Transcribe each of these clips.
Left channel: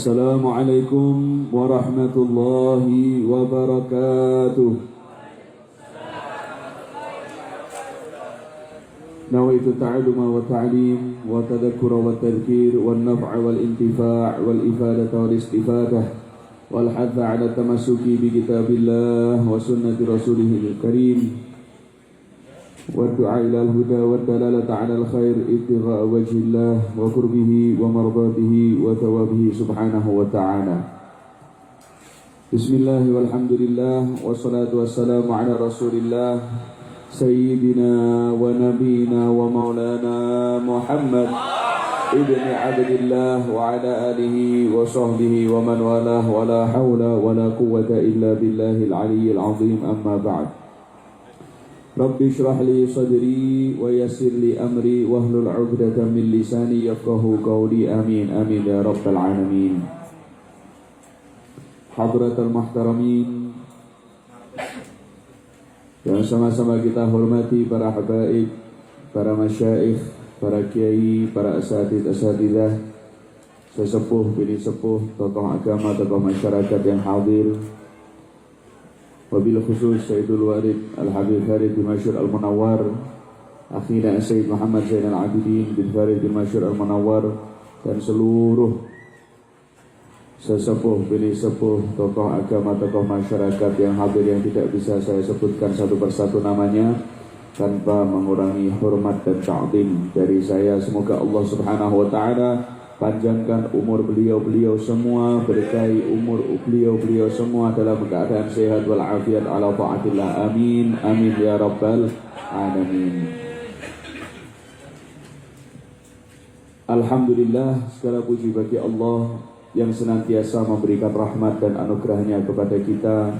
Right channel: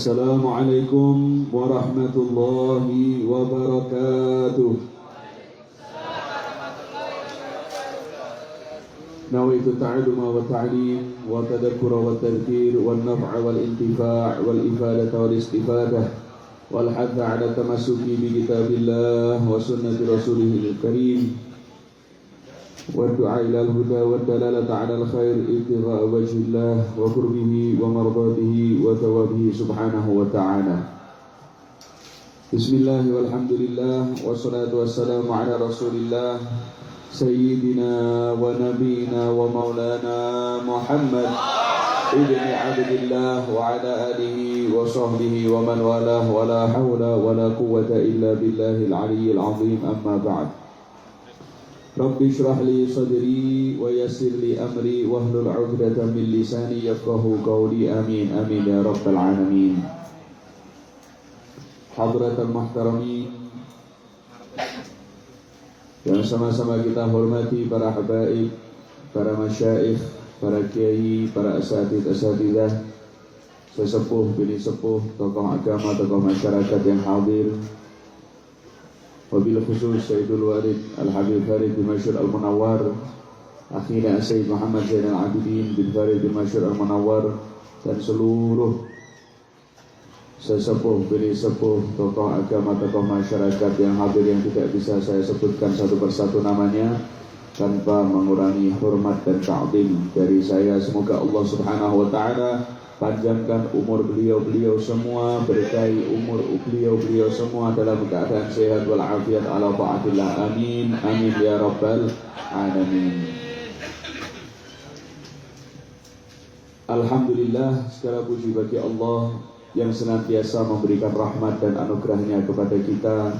Assalamualaikum warahmatullahi wabarakatuh. Nawaitu ta'alluma wa ta'lim wa tadakkura wa tadhkir wal naf'a wal intifa' wal ifadata wal istifadah wal hadza 'ala tamassuki bi kitabillah wa sunnati rasulihil karim والدعاء إلى الهدى والدلالة على الخير ابتغاء وجه الله وقربه ومرضاته وثوابه سبحانه وتعالى. بسم الله والحمد لله والصلاة والسلام على رسول الله سيدنا ونبينا ومولانا محمد ابن عبد الله وعلى آله وصحبه ومن والاه ولا حول ولا قوة إلا بالله العلي العظيم. أما بعد. Rabbi shrah li sadri wa yassir li amri wahlul 'uqdatam min lisani yafqahu qawli. Amin amin ya rabbal alamin. Hadratul muhtaramin, yang sama-sama kita hormati para habaib, para masyayikh, para kiai, para asatidzah, sesepuh bini sepuh, tokoh agama, tokoh masyarakat yang hadir. Wabil khusus Sayyidul Walid Al-Habib Farid bin Masyur Al-Munawwar, akhirnya Sayyid Muhammad Zainal Abidin bin Farid bin Masyur Al-Munawwar, dan seluruh sesepuh, bini sepuh, tokoh agama, tokoh masyarakat yang hadir yang tidak bisa saya sebutkan satu persatu namanya tanpa mengurangi hormat dan ta'zim dari saya. Semoga Allah Subhanahu wa Ta'ala panjangkan umur beliau semua, berkahi umur beliau semua dalam keadaan sehat walafiat ala ta'atillah. Amin amin ya rabbal alamin. Alhamdulillah, segala puji bagi Allah yang senantiasa memberikan rahmat dan anugerahnya kepada kita,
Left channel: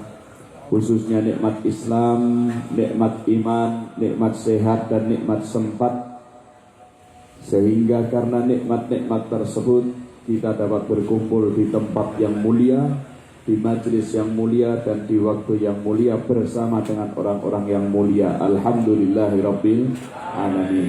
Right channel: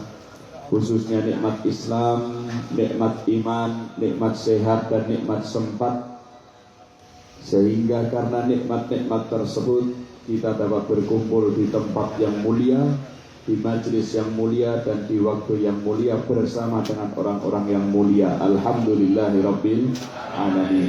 khususnya nikmat Islam, nikmat iman, nikmat sehat dan nikmat sempat, sehingga karena nikmat-nikmat tersebut kita dapat berkumpul di tempat yang mulia, di majelis yang mulia, dan di waktu yang mulia bersama dengan orang-orang yang mulia. Alhamdulillahirabbil alamin.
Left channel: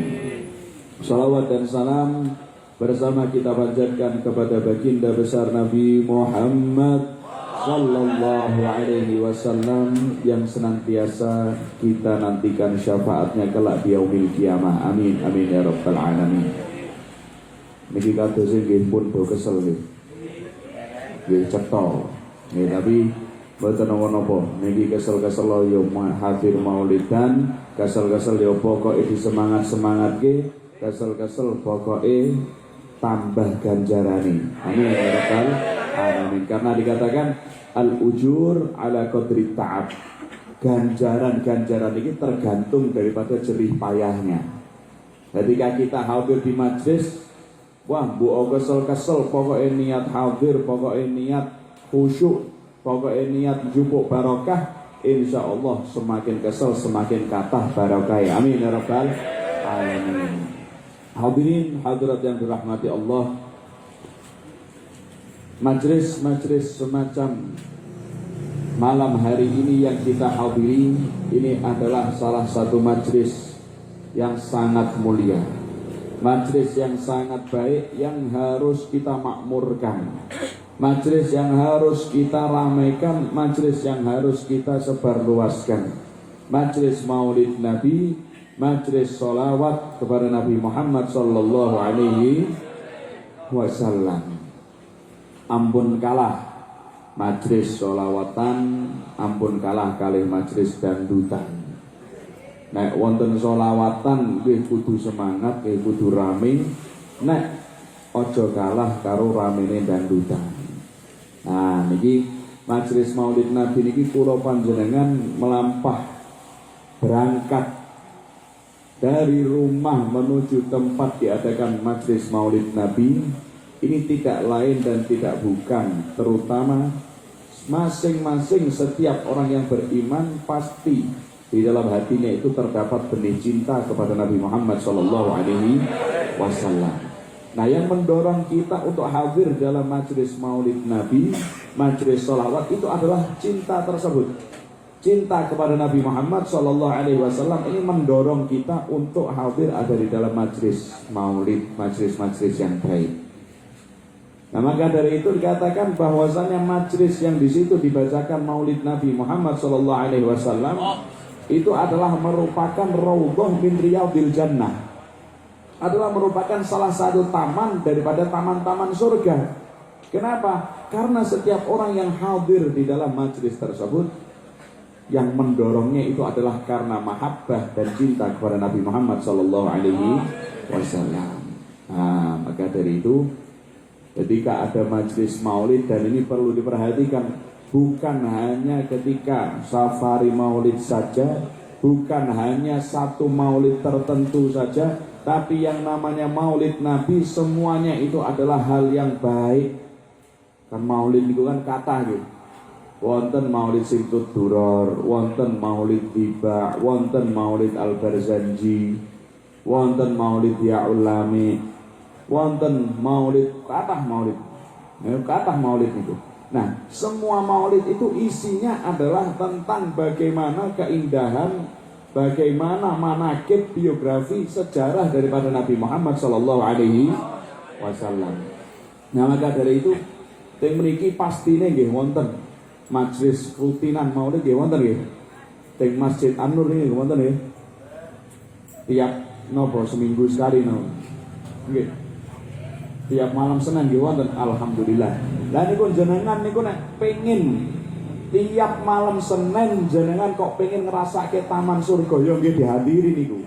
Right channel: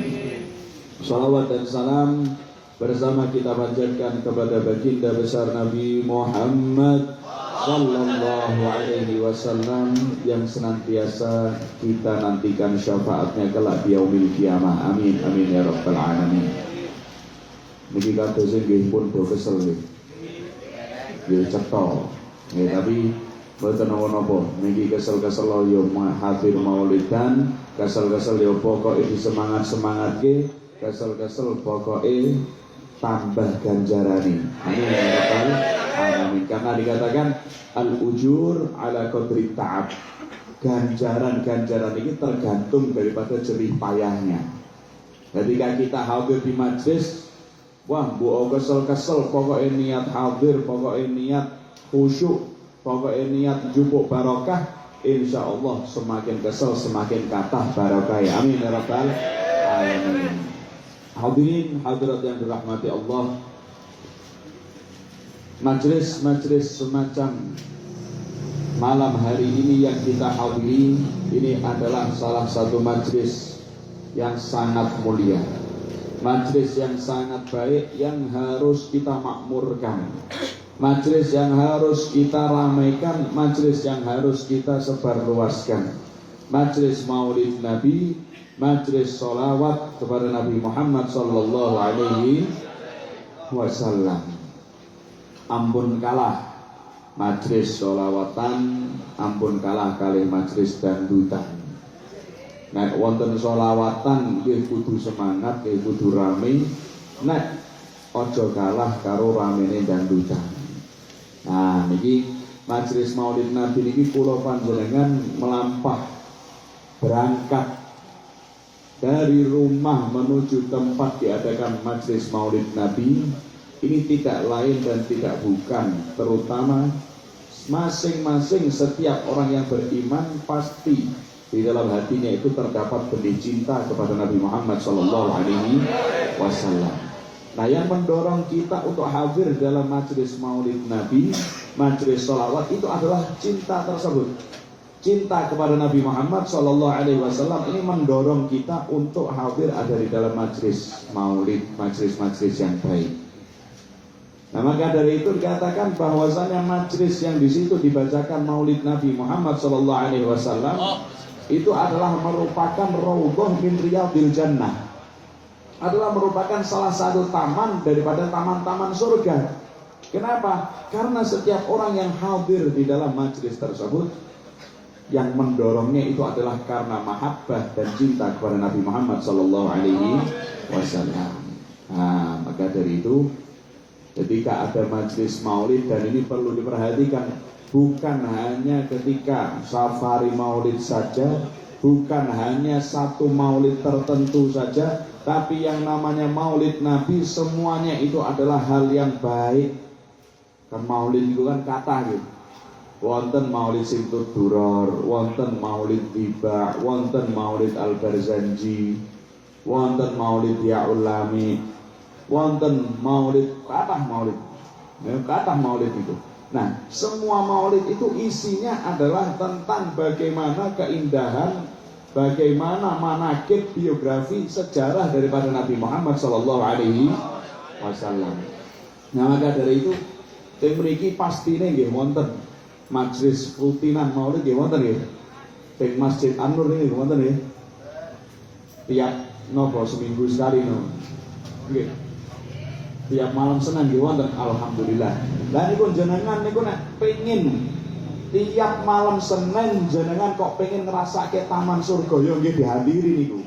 Salawat dan salam bersama kita panjatkan kepada baginda besar Nabi Muhammad sallallahu alaihi wasallam yang senantiasa kita nantikan syafaatnya kelak di yaumil qiyamah. Amin amin ya rabbal alamin. Niki kados nggih pun do kesel nggih. Nggih cetha. Nggih tapi boten napa-napa. Niki kesel-kesel yo hadir maulidan, kesel-kesel yo pokoke disemangat-semangatke, kesel-kesel pokoke tambah ganjarane. Amin ya rabbal alamin. Karena dikatakan al-ujur ala qadri ta'ab. Ganjaran ini tergantung daripada jerih payahnya. Ketika kita hadir di majlis, wah mbok kesel-kesel, pokoknya niat hadir, pokoknya niat khusyuk, pokoknya niat jupuk barokah, insya Allah semakin kesel semakin kathah barokah. Amin ya rabbal alamin. Hadirin hadirat yang dirahmati Allah, majlis-majlis semacam malam hari ini yang kita hadiri ini adalah salah satu majlis yang sangat mulia, majlis yang sangat baik yang harus kita makmurkan, majlis yang harus kita ramaikan, majlis yang harus kita sebarluaskan, majlis maulid Nabi, majlis sholawat kepada Nabi Muhammad sallallahu alaihi wasallam. Ampun kalah majlis sholawatan, ampun kalah kalih majlis dangdutan. Nek wonten sholawatan nggih kudu semangat, nggih kudu rame. Nek aja kalah karo ramene dangdutan. Nah niki majlis Maulid Nabi niki kula panjenengan melampah berangkat dari rumah menuju tempat diadakan majlis Maulid Nabi. Ini tidak lain dan tidak bukan, terutama masing-masing setiap orang yang beriman pasti di dalam hatinya itu terdapat benih cinta kepada Nabi Muhammad SAW. Nah, yang mendorong kita untuk hadir dalam majlis Maulid Nabi, majlis sholawat, itu adalah cinta tersebut. Cinta kepada Nabi Muhammad SAW ini mendorong kita untuk hadir ada di dalam majlis Maulid, majlis-majlis yang baik. Nah, maka dari itu dikatakan bahwasannya majlis yang di situ dibacakan Maulid Nabi Muhammad SAW itu adalah merupakan raudhah min riyadil jannah, adalah merupakan salah satu taman daripada taman-taman surga. Kenapa? Karena setiap orang yang hadir di dalam majlis tersebut, yang mendorongnya itu adalah karena mahabbah dan cinta kepada Nabi Muhammad SAW. Nah, maka dari itu ketika ada majlis maulid, dan ini perlu diperhatikan, bukan hanya ketika safari maulid saja, bukan hanya satu maulid tertentu saja, tapi yang namanya maulid Nabi semuanya itu adalah hal yang baik. Kan maulid itu kan kata gitu. Wonten maulid Simtud Duror, wonten maulid Iba, wonten maulid Al-Barzanji, wonten maulid Ya'ulami, wonten maulid, kathah maulid itu. Nah, semua maulid itu isinya adalah tentang bagaimana keindahan, bagaimana manaqib, biografi, sejarah daripada Nabi Muhammad SAW. Nah, maka dari itu teng mriki pastine nggih wonten majlis rutinan maulid nggih wonten nggih. Teng Masjid An-Nur nggih wonten nggih. Tiap nopo seminggu sekali no. Nggih. Tiap malam Senin nggih wonten, alhamdulillah. Lah niku jenengan niku nek pengin tiap malam Senin jenengan kok pengen ngrasake taman surga ya nggih dihadiri niku.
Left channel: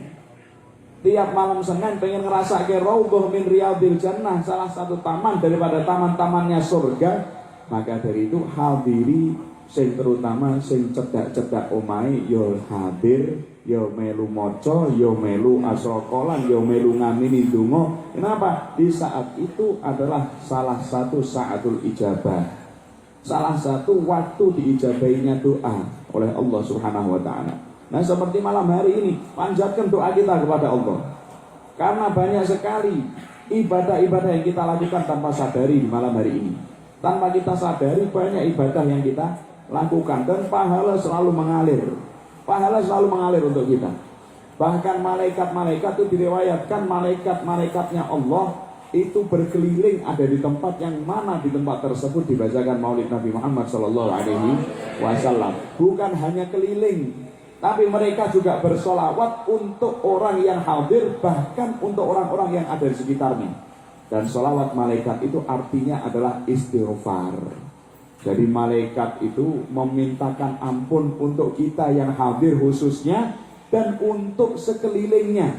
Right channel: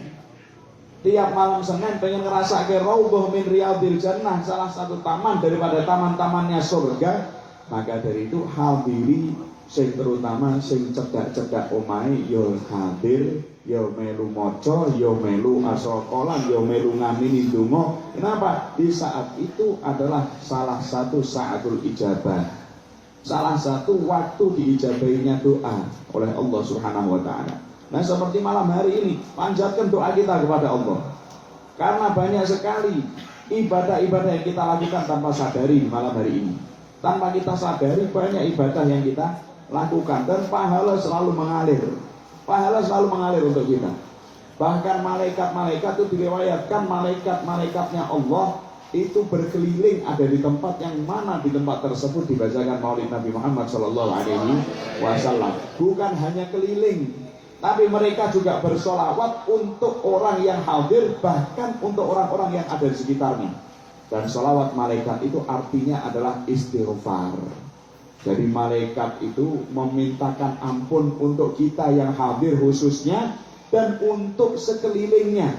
Tiap malam Senin pengen ngrasake raudhah min riyadil jannah, salah satu taman daripada taman-tamannya surga, maka dari itu hadiri, sing terutama sing cedak-cedak omahe ya hadir, ya melu maca, ya melu asrokolan, ya melu ngamini donga. Kenapa? Di saat itu adalah salah satu saatul ijabah, salah satu waktu diijabahinya doa oleh Allah Subhanahu wa ta'ala. Nah, seperti malam hari ini, panjatkan doa kita kepada Allah, karena banyak sekali ibadah-ibadah yang kita lakukan tanpa sadari di malam hari ini. Tanpa kita sadari banyak ibadah yang kita lakukan, dan pahala selalu mengalir. Pahala selalu mengalir untuk kita. Bahkan malaikat-malaikat itu diriwayatkan, malaikat-malaikatnya Allah itu berkeliling ada di tempat yang mana di tempat tersebut dibacakan maulid Nabi Muhammad SAW. Bukan hanya keliling, tapi mereka juga bersolawat untuk orang yang hadir, bahkan untuk orang-orang yang ada di sekitarnya. Dan solawat malaikat itu artinya adalah istighfar. Jadi malaikat itu memintakan ampun untuk kita yang hadir khususnya, dan untuk sekelilingnya.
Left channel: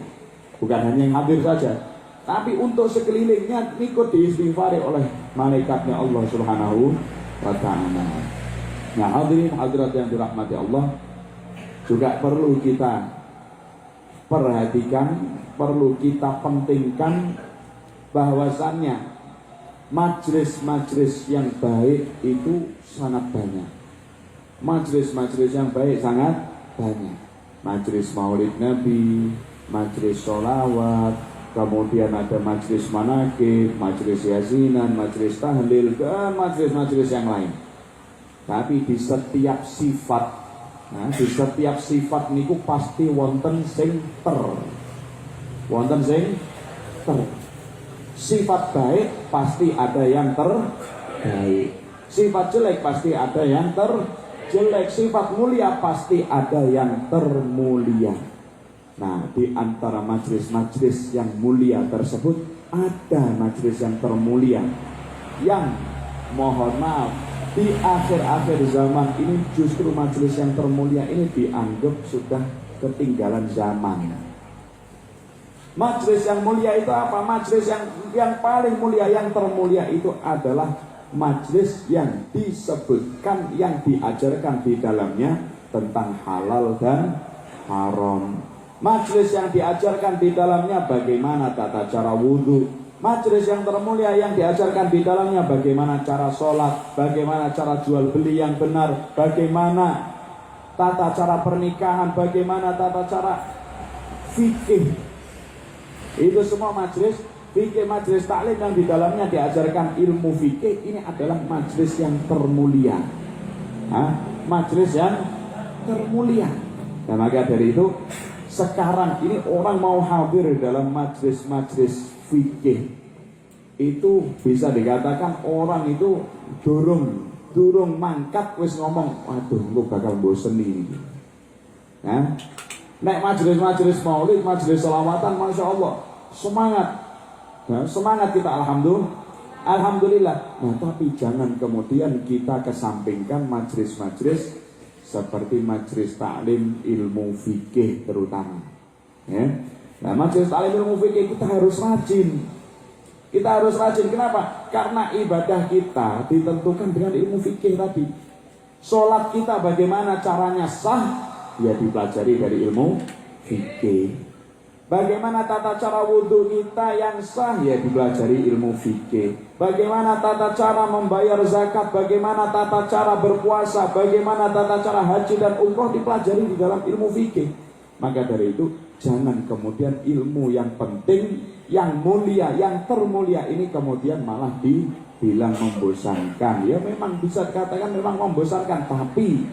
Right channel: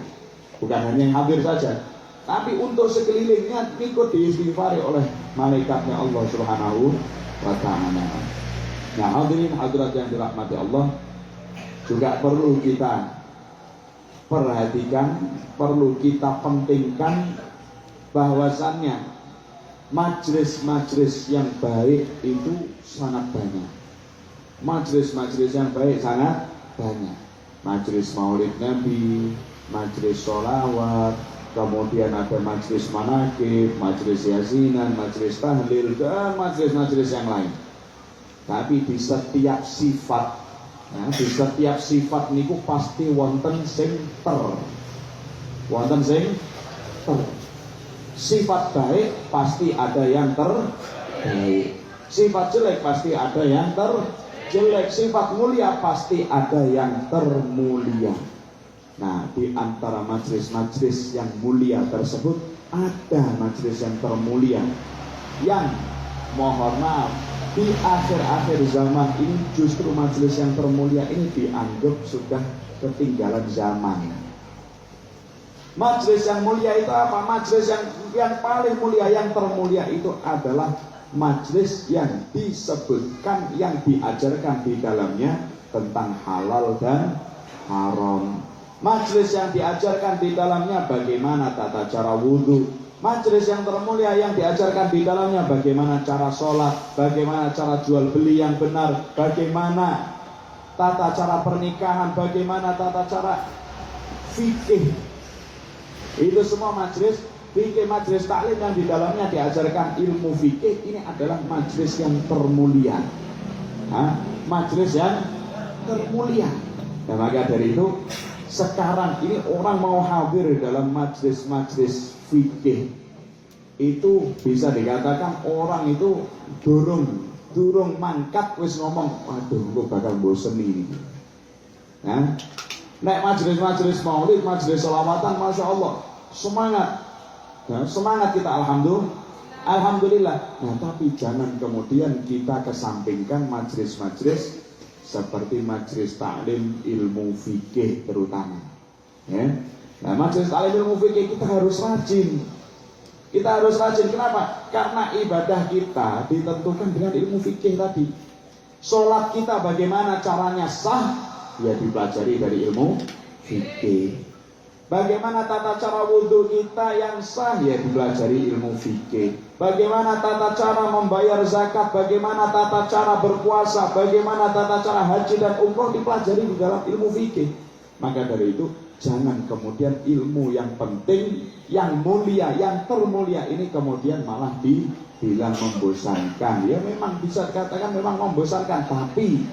Bukan hanya yang hadir saja, tapi untuk sekelilingnya ikut diistighfari oleh malaikatnya Allah Subhanahu wa ta'ala. Nah, hadirin hadirat yang dirahmati Allah, juga perlu kita perhatikan, perlu kita pentingkan bahwasannya majlis-majlis yang baik itu sangat banyak. Majlis-majlis yang baik sangat banyak. Majlis maulid Nabi, majlis sholawat, kemudian ada majlis manaqib, majlis yasinan, majlis tahlil, dan majlis-majlis yang lain. Tapi di setiap sifat, nah, di setiap sifat niku pasti wonten sing wonten sing sifat baik pasti ada yang terbaik, sifat jelek pasti ada yang terjelek, sifat mulia pasti ada yang termulia. Nah, di antara majlis-majlis yang mulia tersebut ada majlis yang termulia, yang mohon maaf di akhir-akhir zaman ini justru majlis yang termulia ini dianggap sudah ketinggalan zaman. Majlis yang mulia itu apa? Majlis yang paling mulia, yang termulia itu adalah majlis yang disebutkan, yang diajarkan di dalamnya tentang halal dan haram. Majlis yang diajarkan di dalamnya bagaimana tata cara wudhu. Majlis yang termulia yang diajarkan di dalamnya bagaimana cara sholat, bagaimana cara jual beli yang benar, bagaimana tata cara pernikahan, bagaimana tata cara fikih. Itu semua majlis fikih, majlis taklim yang di dalamnya diajarkan ilmu fikih, ini adalah majlis yang termulia. Nah, majlis yang termulia. Dan maka dari itu sekarang ini orang mau hadir dalam majlis-majlis fikih, itu bisa dikatakan orang itu durung mangkat wis ngomong, waduh lu bakal bosen ini. Nah, nek majelis-majelis maulid, majelis selawatan, masya Allah semangat, nah, semangat kita alhamdulillah. Nah, tapi jangan kemudian kita kesampingkan majelis-majelis seperti majelis taklim ilmu fikih terutama. Ya, nah majelis taklim ilmu fikih kita harus rajin. Kita harus rajin. Kenapa? Karena ibadah kita ditentukan dengan ilmu fikih tadi. Sholat kita bagaimana caranya sah, ya dipelajari dari ilmu fikih. Bagaimana tata cara wudhu kita yang sah, ya dipelajari ilmu fikih. Bagaimana tata cara membayar zakat, bagaimana tata cara berpuasa, bagaimana tata cara haji dan umroh dipelajari di dalam ilmu fikih. Maka dari itu jangan kemudian ilmu yang penting, yang mulia, yang termulia ini kemudian malah dibilang membosankan. Ya memang bisa dikatakan memang membosankan, tapi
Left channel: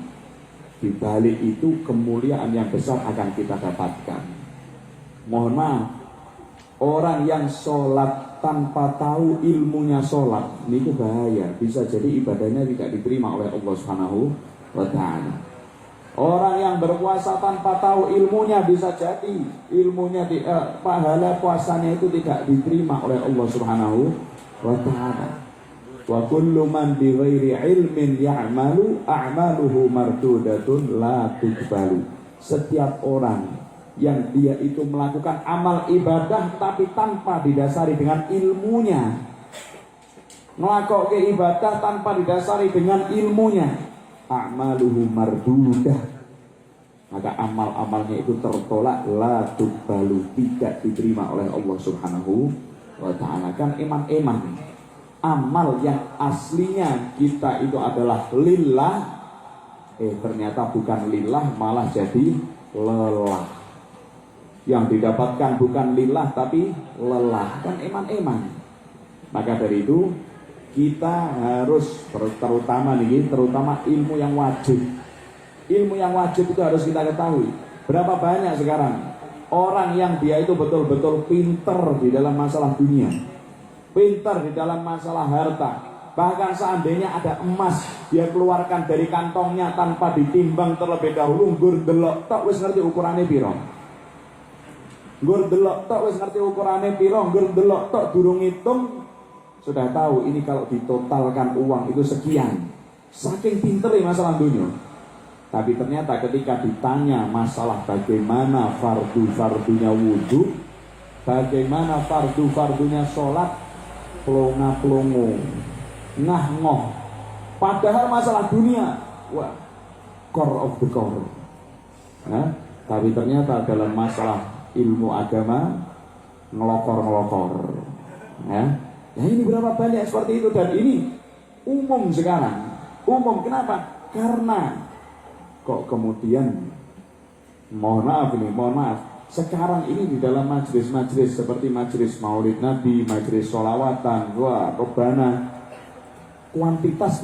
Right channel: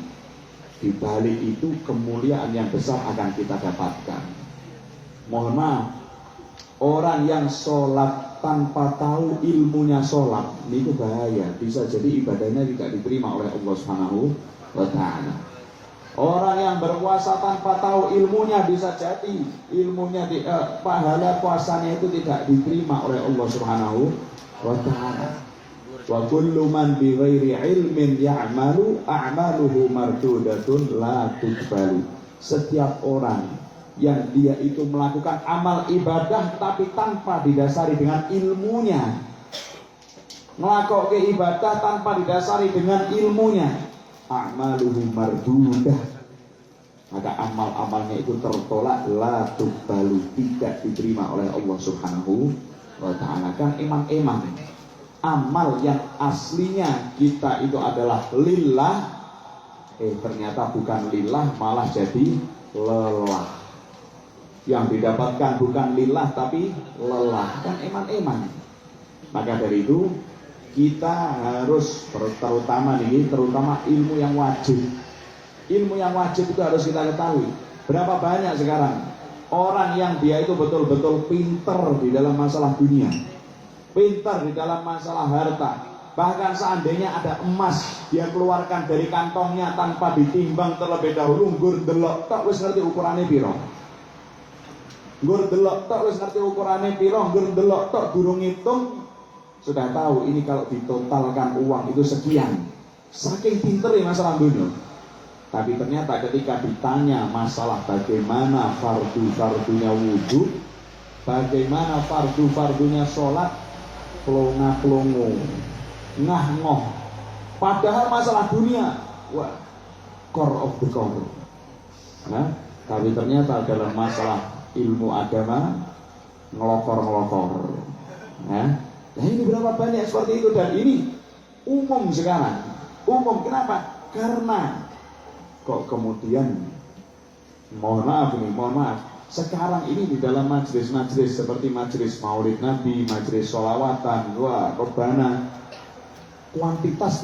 di balik itu kemuliaan yang besar akan kita dapatkan. Mohon maaf, orang yang sholat tanpa tahu ilmunya sholat, ini itu bahaya. Bisa jadi ibadahnya tidak diterima oleh Allah Subhanahu wa Ta'ala. Orang yang berpuasa tanpa tahu ilmunya, bisa jadi ilmunya pahala puasanya itu tidak diterima oleh Allah Subhanahu wa Ta'ala. Wa kullu man bi ghairi ilmin ya'malu a'maluhu mardudatun la tuqbalu. Setiap orang yang dia itu melakukan amal ibadah tapi tanpa didasari dengan ilmunya, melakukan ibadah tanpa didasari dengan ilmunya, a'maluhu mardudah, maka amal-amalnya itu tertolak, la tuqbalu, tidak diterima oleh Allah Subhanahu wa Ta'ala. Kan iman-iman amal yang aslinya kita itu adalah lillah, ternyata bukan lillah, malah jadi lelah. Yang didapatkan bukan lillah tapi lelah, kan iman-iman. Maka dari itu kita harus terutama ilmu yang wajib. Ilmu yang wajib itu harus kita ketahui. Berapa banyak sekarang orang yang dia itu betul-betul pinter di dalam masalah dunia, pinter di dalam masalah harta. Bahkan seandainya ada emas, dia keluarkan dari kantongnya tanpa ditimbang terlebih dahulu, nggur delok tok wis ngerti ukurannya piro. Nggur delok tok wis ngerti ukurannya piro, nggur delok tok durung ngitung sudah tahu ini kalau ditotalkan uang itu sekian. Saking pinternya masalah dunia. Tapi ternyata ketika ditanya masalah bagaimana fardu-fardunya wudhu, bagaimana fardu-fardunya sholat, plonga-plongo, ngah-ngoh. Padahal masalah dunia, wah, core of the core. Ya, tapi ternyata dalam masalah ilmu agama ngelokor-ngelokor. Ya, nah ini berapa banyak seperti itu, dan ini umum sekarang. Umum, kenapa? Karena kok kemudian mohon maaf, sekarang ini di dalam majelis-majelis seperti majelis maulid Nabi, majelis sholawatan, wah rebana, kuantitas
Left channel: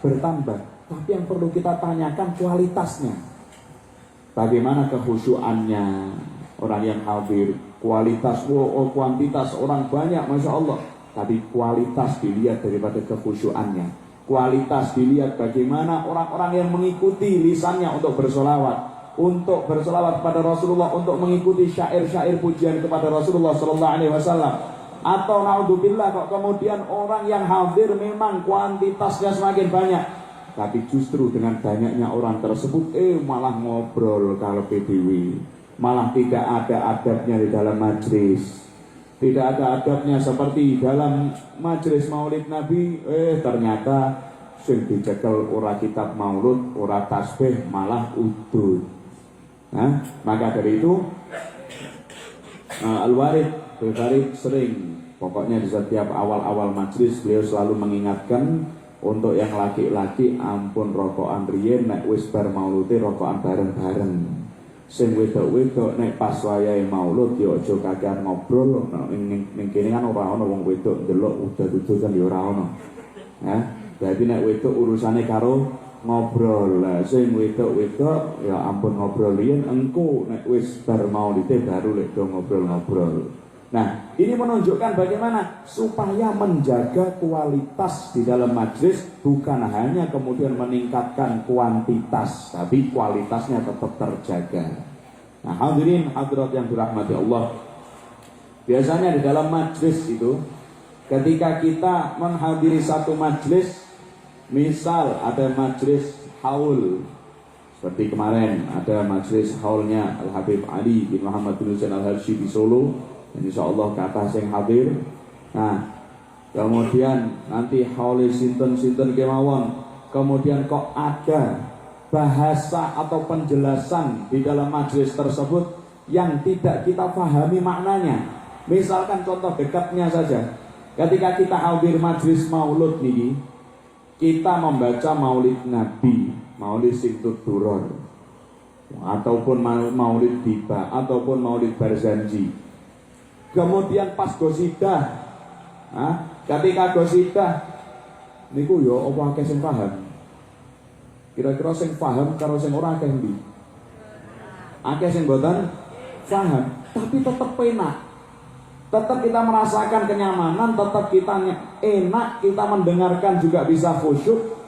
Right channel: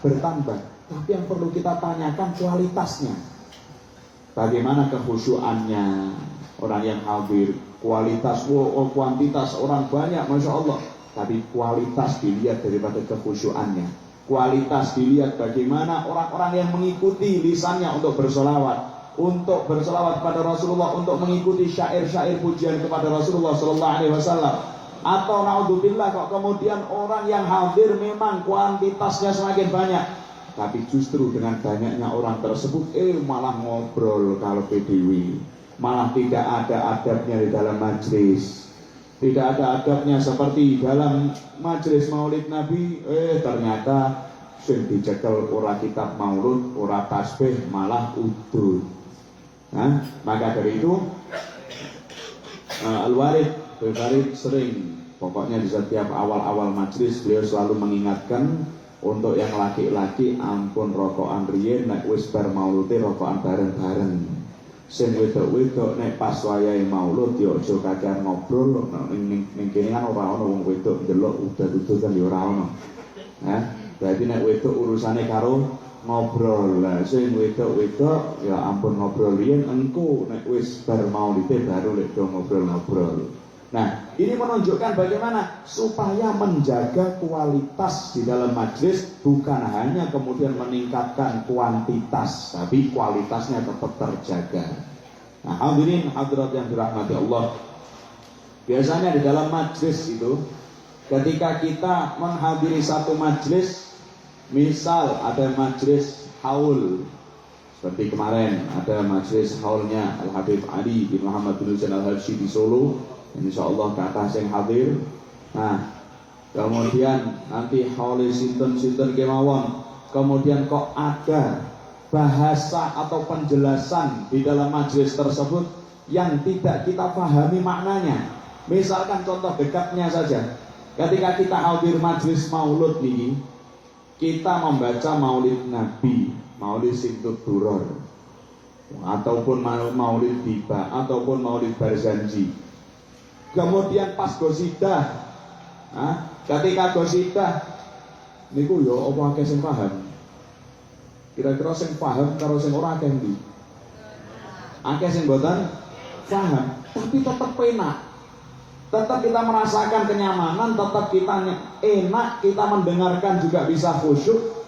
bertambah, tapi yang perlu kita tanyakan kualitasnya. Bagaimana kekhusyuannya orang yang hadir? Kualitas, kuantitas orang banyak, masya Allah, tapi kualitas dilihat daripada kekhusyuannya. Kualitas dilihat bagaimana orang-orang yang mengikuti lisannya untuk bersolawat kepada Rasulullah, untuk mengikuti syair-syair pujian kepada Rasulullah Sallallahu Alaihi Wasallam. Atau naudzubillah, kok kemudian orang yang hadir memang kuantitasnya semakin banyak, tapi justru dengan banyaknya orang tersebut malah ngobrol kalau PDW, malah tidak ada adabnya di dalam majlis, tidak ada adabnya seperti dalam majelis maulid Nabi. Ternyata sing dicekel ora kitab maulud, ora tasbih, malah udud. Nah, maka dari itu Al-Warid sering, pokoknya di setiap awal-awal majelis beliau selalu mengingatkan untuk yang laki-laki, ampun rokokan riyen nek wis bar maulude rokokan bareng-bareng. Sing wedok-wedok nek pas wayahe maulud ya aja kakean ngobrol, ning kene kan ora ana wong wedok ndelok udah-udah kan ya ora ana. Ya, berarti nek wedok urusane karo ngobrol. Lah sing wedok-wedok ya ampun ngobrol riyen, engko nek wis bar maulide baru lek do ngobrol-ngobrol. Nah, ini menunjukkan bagaimana supaya menjaga kualitas di dalam majelis, bukan hanya kemudian meningkatkan kuantitas, tapi kualitasnya tetap terjaga. Nah, hadirin hadirat yang dirahmati Allah, biasanya di dalam majelis itu, ketika kita menghadiri satu majelis, misal ada majelis haul, seperti kemarin ada majelis haulnya Al-Habib Ali bin Muhammad bin Husain Al-Habsyi di Solo, insyaallah ke atas yang hadir. Nah, kemudian nanti haul sinten-sinten kemawon, kemudian kok ada bahasa atau penjelasan di dalam majelis tersebut yang tidak kita pahami maknanya. Misalkan contoh dekatnya saja, ketika kita hadir majelis maulud nih, kita membaca maulid Nabi, maulid Sintut Duror, ataupun maulid Biba, ataupun maulid Barzanji. Kemudian pas gosidah, ketika gosidah niku yo apa akeh sing paham? Kira-kira sing paham karo sing ora akeh ndi? Akeh sing boten paham, tapi tetap enak. Tetap kita merasakan kenyamanan, tetap kita enak, kita mendengarkan juga bisa khusyuk.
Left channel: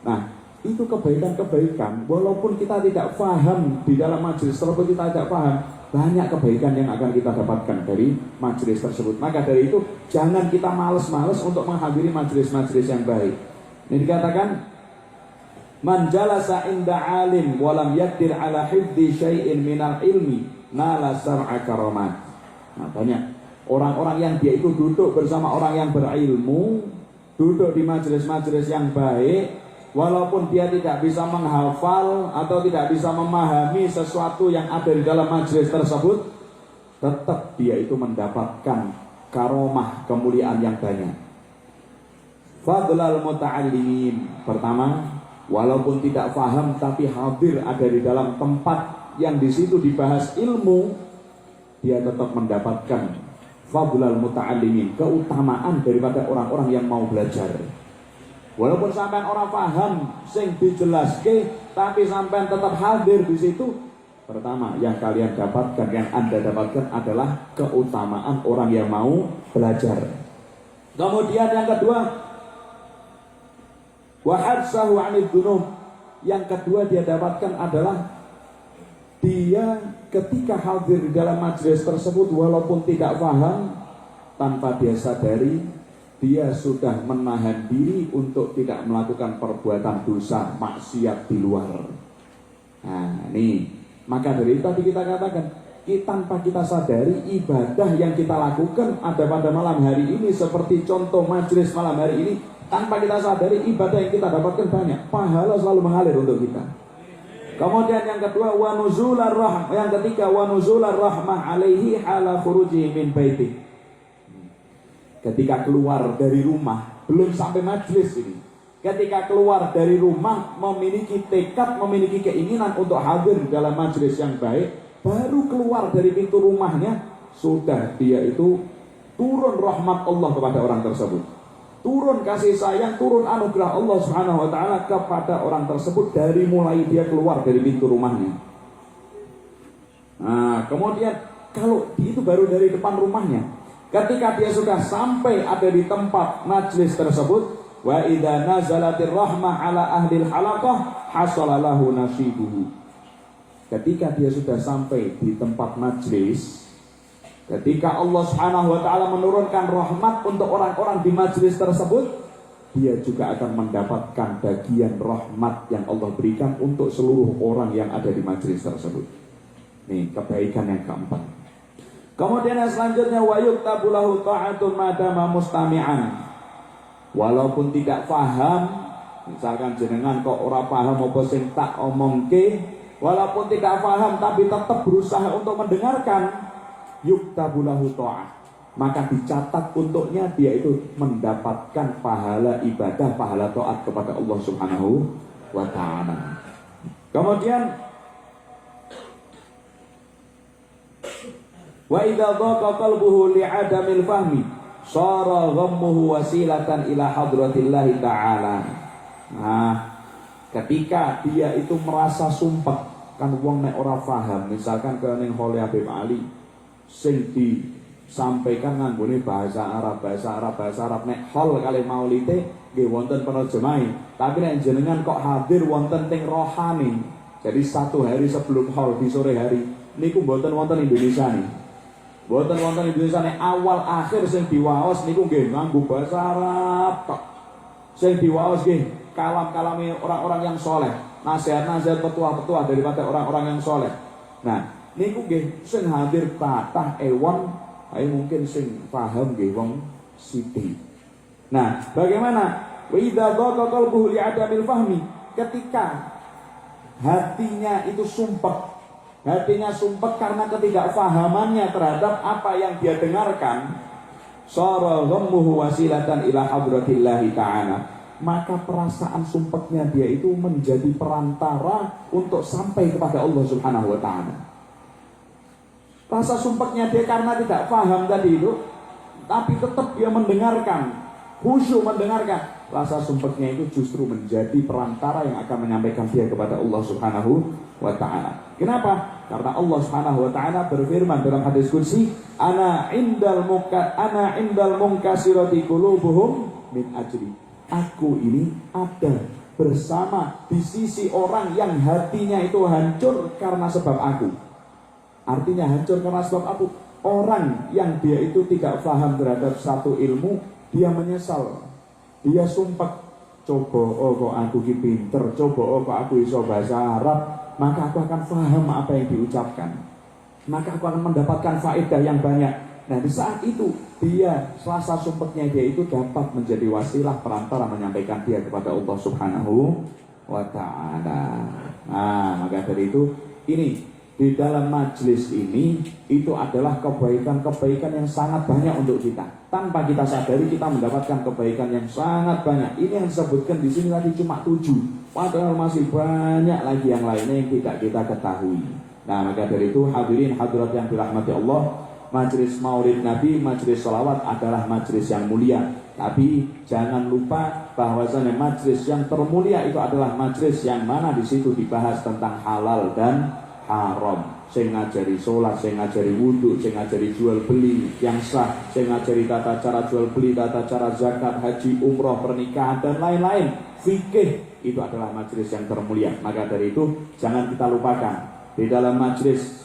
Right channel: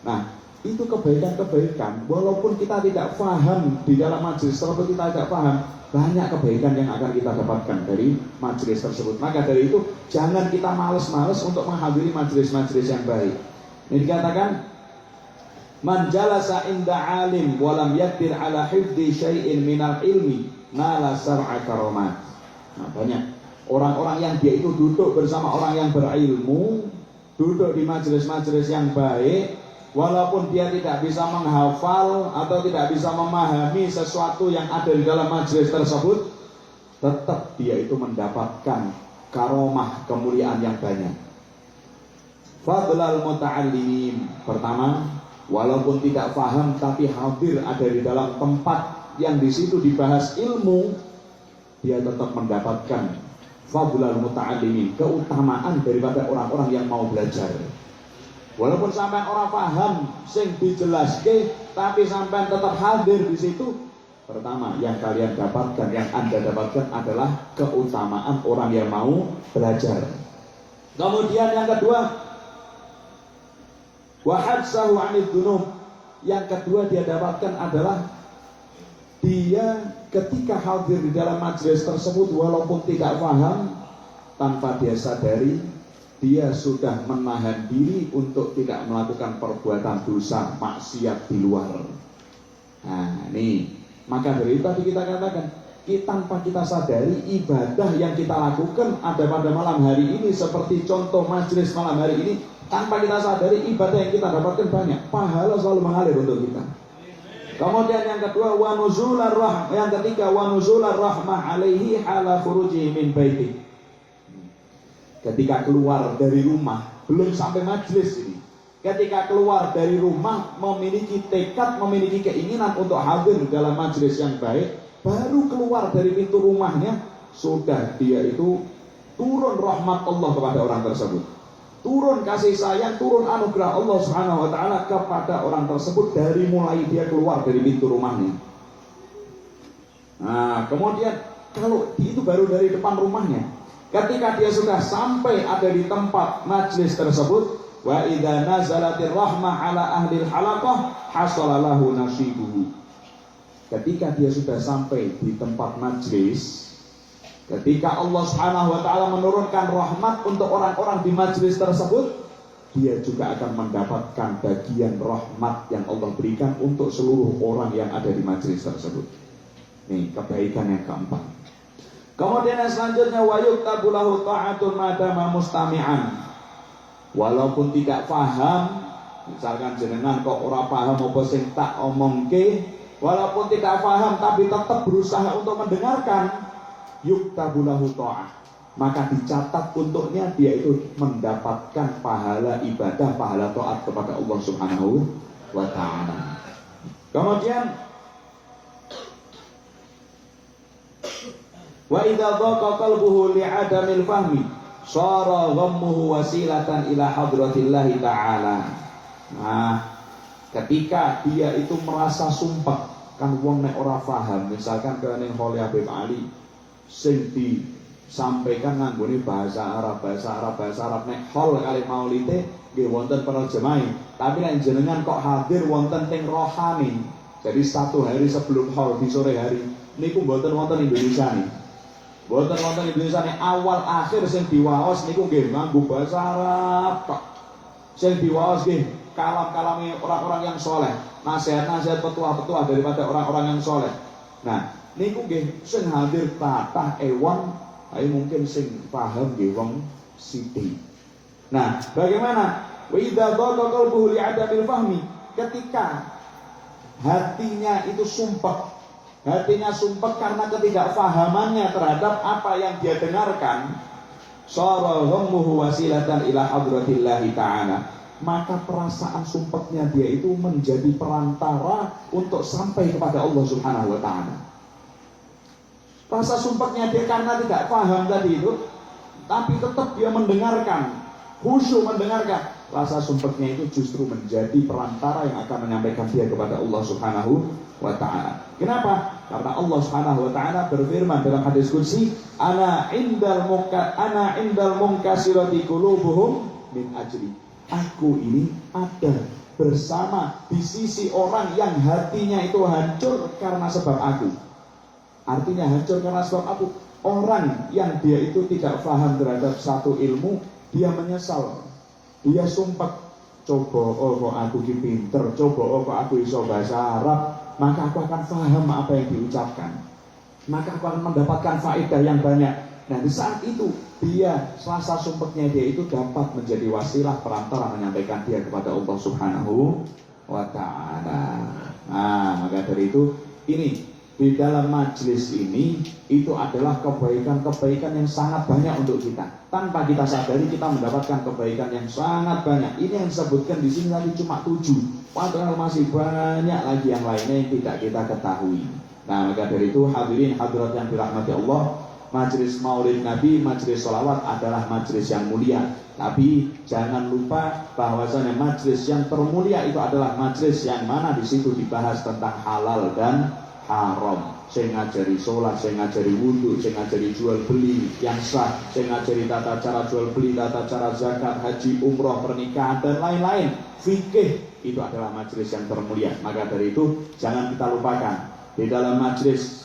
Nah, itu kebaikan-kebaikan. Walaupun kita tidak paham di dalam majelis tersebut, kita tidak paham, banyak kebaikan yang akan kita dapatkan dari majelis tersebut. Maka dari itu, jangan kita males-males untuk menghadiri majelis-majelis yang baik. Ini dikatakan, man jalasa inda alim walam yakdir ala hifdi syai'in minal ilmi nala sar'a karamat. Nah, banyak orang-orang yang dia itu duduk bersama orang yang berilmu, duduk di majelis-majelis yang baik, walaupun dia tidak bisa menghafal atau tidak bisa memahami sesuatu yang ada di dalam majelis tersebut, tetap dia itu mendapatkan karomah, kemuliaan yang banyak. Fadlal muta'allimin. Pertama, walaupun tidak paham tapi hadir ada di dalam tempat yang di situ dibahas ilmu, dia tetap mendapatkan fadlal muta'allimin, keutamaan daripada orang-orang yang mau belajar. Walaupun sampai orang paham sing dijelaske, tapi sampai tetap hadir di situ, pertama yang kalian dapatkan, yang Anda dapatkan adalah keutamaan orang yang mau belajar. Kemudian yang kedua, wa hadsahu 'anid dzunub. Yang kedua dia dapatkan adalah dia ketika hadir di dalam majelis tersebut, walaupun tidak paham, tanpa dia sadari dia sudah menahan diri untuk tidak melakukan perbuatan dosa maksiat di luar. Nah, ini maka dari itu tadi kita katakan, tanpa kita sadari ibadah yang kita lakukan ada pada malam hari ini, seperti contoh majelis malam hari ini, tanpa kita sadari ibadah yang kita dapatkan banyak, pahala selalu mengalir untuk kita. Kemudian yang kedua, wa nuzular rahmah. Yang ketiga, wa nuzular rahmah alaihi hala khuruji min baiti. Ketika keluar dari rumah, belum sampai majelis ini, ketika keluar dari rumah memiliki tekad, memiliki keinginan untuk hadir dalam majelis yang baik, baru keluar dari pintu rumahnya, sudah dia itu turun rahmat Allah kepada orang tersebut, turun kasih sayang, turun anugerah Allah Subhanahu wa taala kepada orang tersebut dari mulai dia keluar dari pintu rumahnya. Nah, kemudian kalau itu baru dari depan rumahnya, ketika dia sudah sampai ada di tempat majlis tersebut, wa idza nazalatir rahmah ala ahlil halaqah hasala lahu nasibuhu. Ketika dia sudah sampai di tempat majlis, ketika Allah Subhanahu wa taala menurunkan rahmat untuk orang-orang di majlis tersebut, dia juga akan mendapatkan bagian rahmat yang Allah berikan untuk seluruh orang yang ada di majlis tersebut. Nih, kebaikan yang keempat. Kemudian yang selanjutnya, wa yuktabu lahu ta'atun madama mustami'an. Walaupun tidak paham, misalkan jenengan kok ora paham apa sing tak omongke, walaupun tidak paham tapi tetap berusaha untuk mendengarkan, yuktabu lahu ta'ah, maka dicatat untuknya dia itu mendapatkan pahala ibadah, pahala taat kepada Allah Subhanahu wa ta'ala. Kemudian wa idza dhaqa qalbuhu li'adamil fahmi shara ghammuhu wasilatan ila hadratillah ta'ala. Nah, ketika dia itu merasa sumpah, kan wong nek ora paham, misalkan ke ning Habib Ali sing sampaikan nganggone bahasa Arab nek hol kali maulite nggih wonten para jemaah. Tapi nek jenengan kok hadir wonten teng rohani, jadi 1 hari sebelum hol di sore hari niku mboten wonten Indonesia nih. Mboten wonten Indonesia nih, awal akhir sing diwaos niku nggih nganggo bahasa Arab kok. Sing diwaos nggih kalam-kalame orang-orang yang soleh, nasihat-nasihat petua-petua daripada orang-orang yang soleh. Nah, niku nggih sing hadir kathah ewon, ayo mungkin sing paham nggih wong sithik. Nah, bagaimana? Wa idza dhaqa qalbuhu li'adamil fahmi, ketika hatinya itu sumpek karena ketidakfahamannya terhadap apa yang dia dengarkan, syara ghammuhu wasilatan ila hadratillahi ta'ala, maka perasaan sumpeknya dia itu menjadi perantara untuk sampai kepada Allah Subhanahu wa ta'ala. Rasa sumpeknya dia karena tidak paham tadi itu, tapi tetap dia mendengarkan, khusyuk mendengarkan. Rasa sumpeknya itu justru menjadi perantara yang akan menyampaikan dia kepada Allah Subhanahu wa ta'ala. Kenapa? Karena Allah Subhanahu wa ta'ala berfirman dalam hadis qudsi, ana indal munkasirati qulubuhum min ajri. Aku ini ada bersama di sisi orang yang hatinya itu hancur karena sebab aku. Artinya hancur karena sebab aku. Orang yang dia itu tidak paham terhadap satu ilmu, dia menyesal. Dia sumpah, coba kok aku ki pinter, coba kok aku iso bahasa Arab, maka aku akan paham apa yang diucapkan, maka aku akan mendapatkan faedah yang banyak. Nah, di saat itu dia, selasa sumpahnya dia itu dapat menjadi wasilah perantara menyampaikan dia kepada Allah Subhanahu wa ta'ala. Nah, maka dari itu ini di dalam majelis ini itu adalah kebaikan-kebaikan yang sangat banyak untuk kita. Tanpa kita sadari kita mendapatkan kebaikan yang sangat banyak. Ini yang disebutkan di sini tadi cuma 7. Padahal masih banyak lagi yang lainnya yang tidak kita ketahui. Nah, maka dari itu hadirin hadirat yang dirahmati Allah, majelis Maulid Nabi, majelis sholawat adalah majelis yang mulia. Tapi jangan lupa bahwasanya majelis yang termulia itu adalah majelis yang mana di situ dibahas tentang halal dan haram, saya ngajari sholat, saya ngajari wudhu, saya ngajari jual beli yang sah, saya ngajari tata cara jual beli, tata cara zakat, haji, umroh, pernikahan dan lain-lain. Fikih itu adalah majelis yang termulia. Maka dari itu jangan kita lupakan di dalam majelis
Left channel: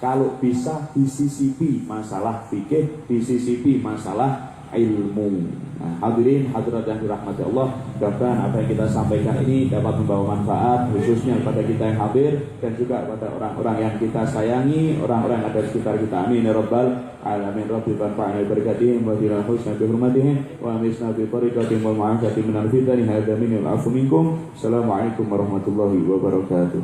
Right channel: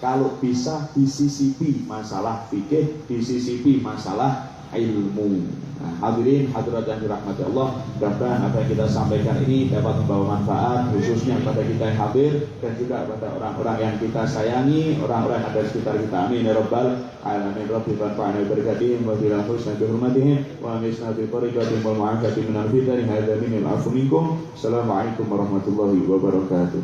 kalau bisa disisipi masalah fikih, disisipi masalah ilmu. Nah, hadirin hadirat yang dirahmati Allah, mudah-mudahan apa yang kita sampaikan ini dapat membawa manfaat khususnya kepada kita yang hadir dan juga kepada orang-orang yang kita sayangi, orang-orang yang ada di sekitar kita. Amin ya rabbal alamin. Rabbil fa'ala barakatihim wa bil husna bi hurmatihim wa misna bi tariqatihim wal mu'afati min al-fitani hadza min al-'afwi minkum. Assalamualaikum warahmatullahi wabarakatuh.